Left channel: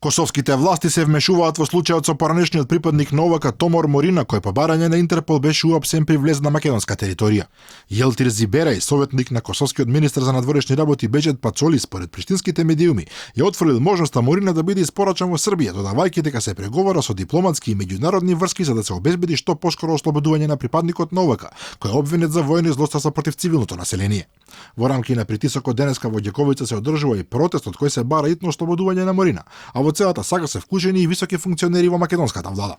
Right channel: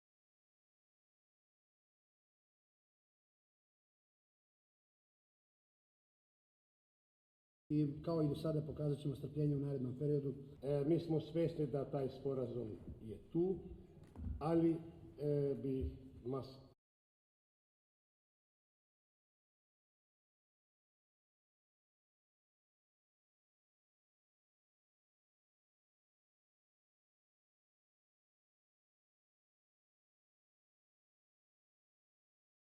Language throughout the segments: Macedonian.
Косовските власти се вмешуваат во случајот со поранешниот припадник на ОВК Томор Морина, кој по барање на Интерпол беше уапсен при влез на македонска територија. Јелтир Зиберај, советник на косовскиот министер за надворешни работи Беџет Пацоли, според приштинските медиуми, ја отфрлил можноста Морина да биде испорачан во Србија, додавајќи дека се преговара со дипломатски и меѓународни врски за да се обезбеди што поскоро ослободување на припадникот на ОВК, кој е обвинет за војни злоставства против цивилното население. Во рамки на притисокот денеска во Ѓаковица се одржува и протест од кој се бара итно ослободување на Морина, а во целата сага се вклучени и високи функционери во македонската влада.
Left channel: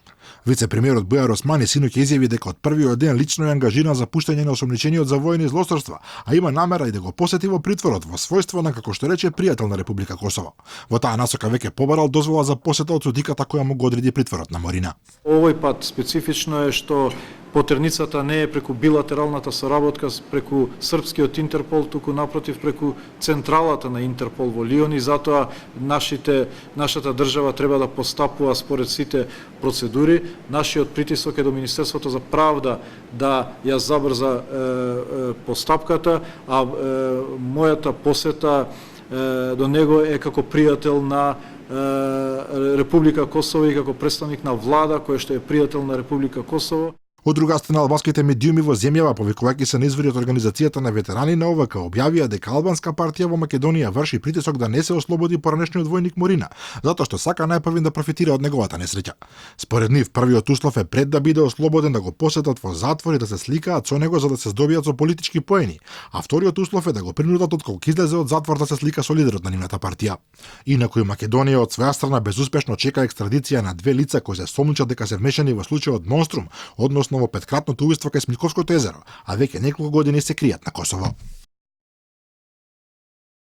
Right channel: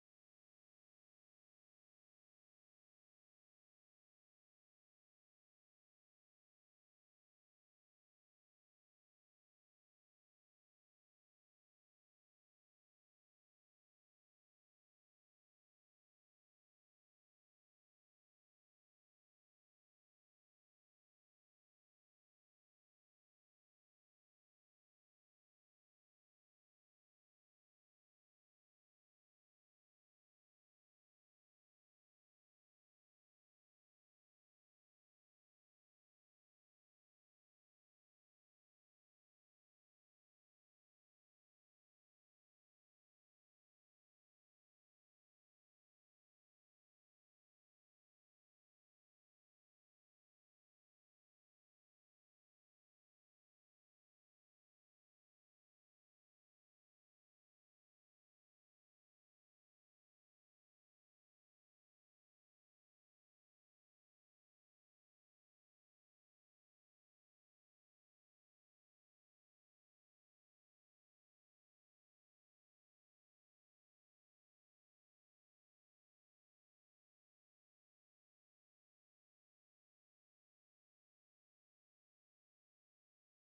Вице-премиерот Бујар Османи синоќа изјави дека од првиот ден лично е ангажиран за пуштање на осомничениот за војни злосторства, а има намера и да го посети во притворот во својство на, како што рече, пријател на Република Косово. Во таа насока веќе побарал дозвола за посета од судиката која му го одреди притворот на Морина. Овој пат специфично е што потерницата не е преку билатералната соработка преку српскиот Интерпол, туку напротив преку централата на Интерпол во Лион, и затоа нашата држава треба да постапува според сите процедури. Нашиот притисок е до Министерството за правда да ја забрза постапката, а мојата посета до него е како пријател на Република Косово и како представник на влада кој што е пријател на Република Косово. Од друга страна, албанските медиуми во земјава, повикувајќи се на извори од Организацијата на ветерани на ОВК, објавија дека албанска партија во Македонија врши притисок да не се ослободи поранешниот војник Морина, затоа што сака најпрвин да профитира од неговата несреќа. Според нив, првиот услов е пред да биде ослободен да го посетат во затвор и да се сликаат со него за да се здобијат со политички поени, а вториот услов е да го принудат отколку излезе од затвор да се слика со лидерот на нивната партија. Инаку Македонија од своја страна безуспешно чека екстрадиција на две лица кои се сомничат дека се вмешани во случајот Монструм, односно во петкратното убиство кај Смилковското езеро, а веќе неколку години се кријат на Косово.